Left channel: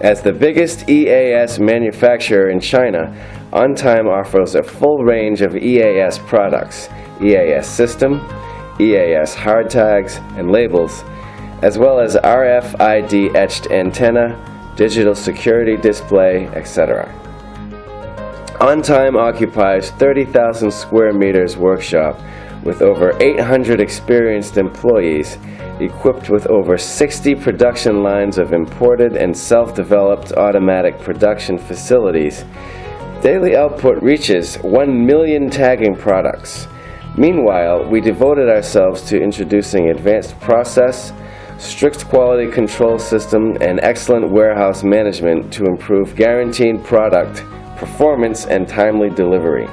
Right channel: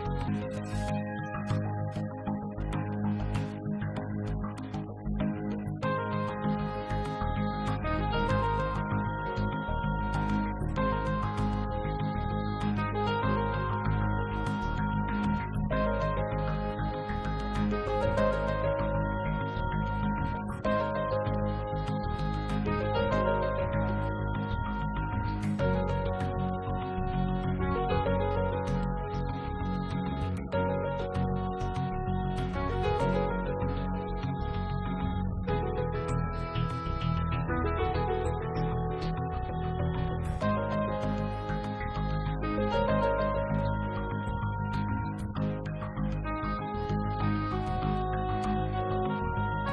As the biggest EAS manufacturer in China, OnTime offers a full range of EAS products, EAS system, EAS hard tags and labels, as well as RFID etched antenna, digital security display, etc. OnTime occupies 30,000 square meters workshop with over 800 experienced employees, equipped with over 60 production lines of imported and self-developed automatic production facilities. Daily output reaches 1 million tagging products. Meanwhile, we devoted ourselves to introducing advanced process, strict quality control system, and excellent warehouse management to improve guaranteed product performance and timely delivery.